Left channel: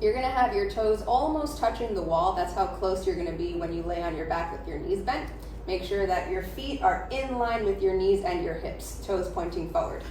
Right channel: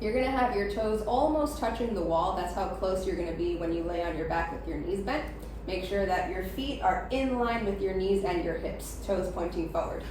You're gonna have your toes almost touching the wall. That's how close you're gonna be when you lay on your back with your knees bent. Make sure that your feet are in line with your knees and your hips, toes pointing forward.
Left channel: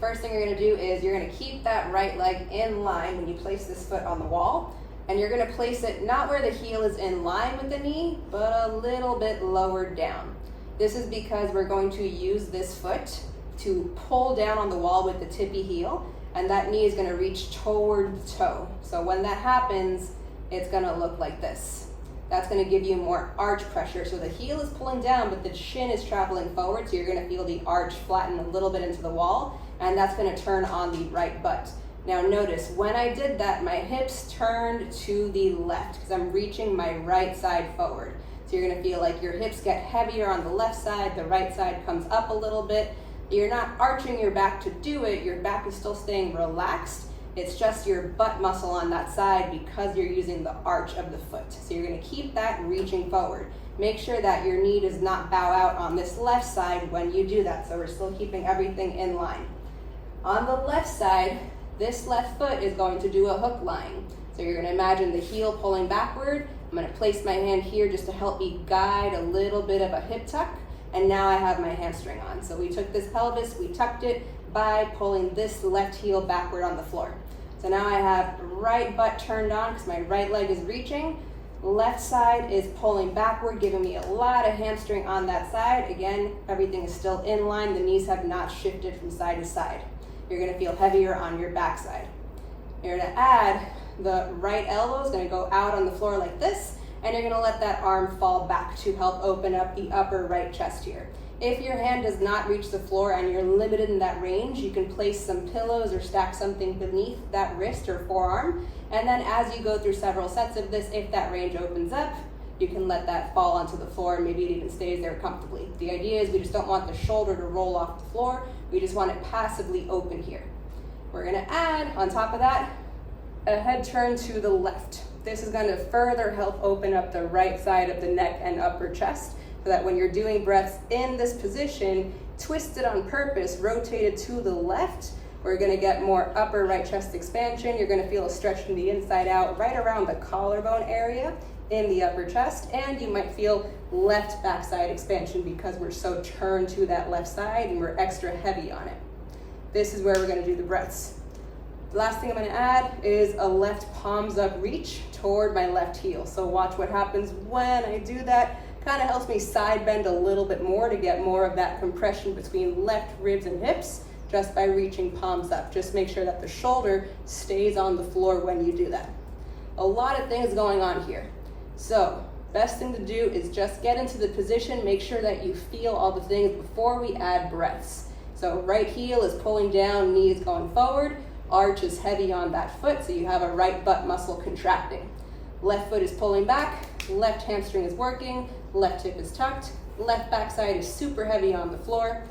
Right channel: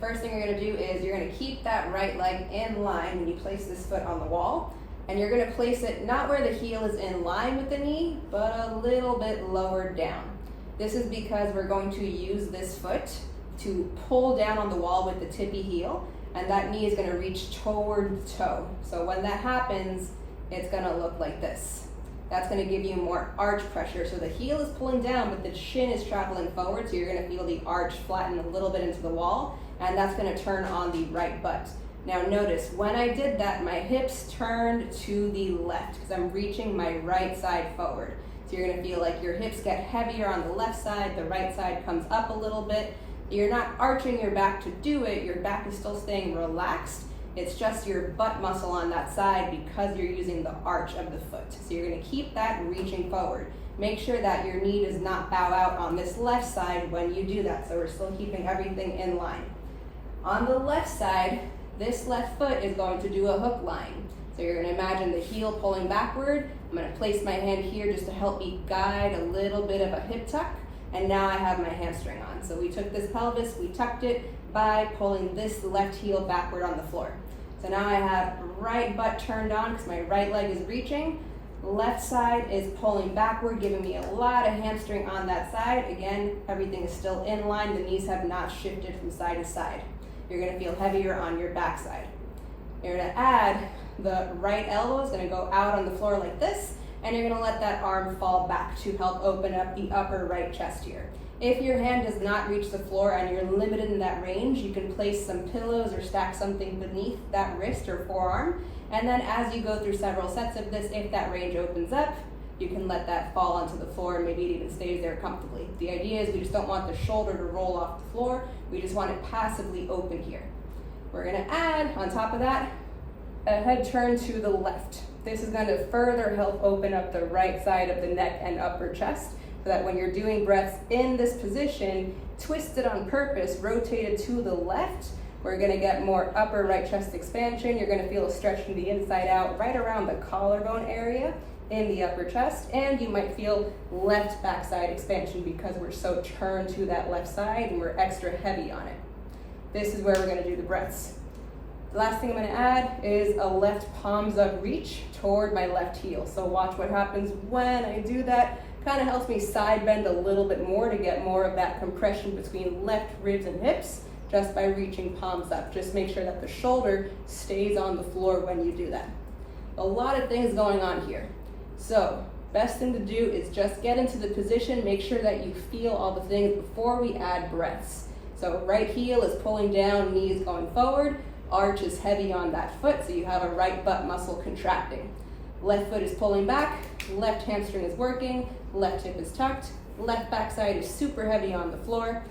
First thing you're gonna do is you're gonna keep that right leg in line when you place this foot on the wall. And you're gonna place it not where the heel is in line with the knee, but a little bit lower down. This is because we're going to use this foot to pull down on the wall with the tippy heel, and that knee is gonna reach toward the toe. So when that happens, it's gonna look like this. That's gonna give you more arch pressure. So the heel is pulling down, but the shin is traveling forward, so you're gonna feel the arch flatten a little bit into the wall, and that's gonna turn on the right butt. Now notice, when I did that, my hips turned to the left because I'm reaching my right side forward. So you're gonna feel like your hips get heavier on the left side, the right side comes up a little bit. You're not arching your back to do it, your back is still staying relaxed. It's just your butt muscle on that side because you're using the arch of the foot. So you're gonna keep that reaching forward. Make sure that your knee does not bow out on this left side when you do that. So we're still keeping everything in line. On the left side, this left foot is going to do a hook lying. So you're gonna imagine the heel pulling backward. I'm gonna place my hand here just to help me guide a little bit of a hip tuck. And now I have my hamstring on. So we took this pelvis, we tucked it by pulling this left heel backward on the floor. So now I have right butt turned on because my right leg is reaching. Left side is pulling backward, giving me a lot of hamstring on that side. Again, everything is still in line. The knees have not shifted from side to side. You're gonna feel heavier on your backside. You're gonna add the right elbow is gonna go out on the floor like this, and you're gonna let that arm fall back to help open up the upper right chest here. If your hand does not reach the floor and you're limited in that range, you can place some pillows or stack something beneath that wrist or forearm. And then as you go through several sets of this, if that range opens up, you can let that fall onto the floor and maybe it even stays there comfortably. The idea is we just don't want the shoulder to roll off the floor. We just want it passively open here. We're gonna add, on top of that, a head turn to the left. This is gonna further help open up the right side of the neck and upper chest so that when you're doing breaths in this position, twisted on purpose, rotated to the left, we're gonna get more upper right chest expansion. You're gonna feel a stretch from the inside out right around the collarbone area in the upper chest, and you might feel left backside expansion because we're so turned to that left side and we're extra heavy on it. This is where we're gonna do the breaths. The last thing I'm gonna add is a left palms up reach toward my left heel. So watch what happens when I do that. Kind of helps me side bend a little bit more to get more of that compression between left ribs and hips just by reaching palms up. Just make sure that the shoulder stays on the floor when you do that. A lot of things going on here. So best thing to do is just get into the position, make sure that you feel all the things before we add breaths. So right heel is pulling down, knees going forward, arch is heavy on that foot, so you have a right butt muscle contracting. Left foot is pulling back, left hamstring is working, left hip is tucked, left backside is super heavy on the floor,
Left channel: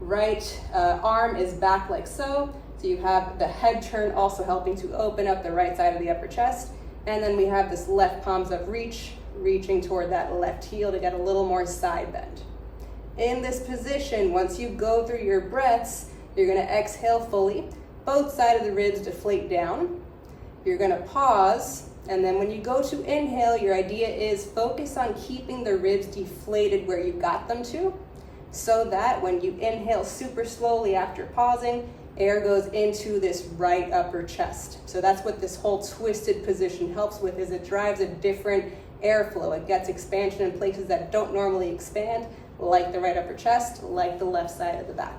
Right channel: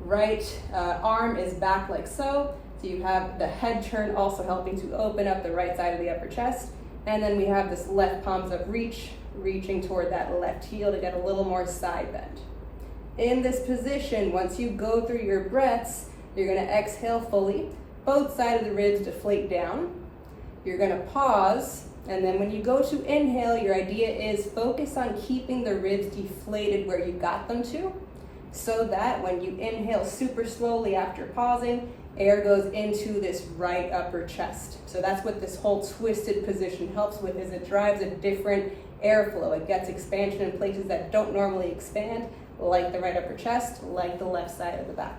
right arm is back like so. So you have the head turn also helping to open up the right side of the upper chest. And then we have this left palms up reach, reaching toward that left heel to get a little more side bend. In this position, once you go through your breaths, you're gonna exhale fully. Both sides of the ribs deflate down. You're gonna pause, and then when you go to inhale, your idea is focus on keeping the ribs deflated where you got them to, so that when you inhale super slowly after pausing, air goes into this right upper chest. So that's what this whole twisted position helps with, is it drives a different airflow. It gets expansion in places that don't normally expand, like the right upper chest, like the left side of the back.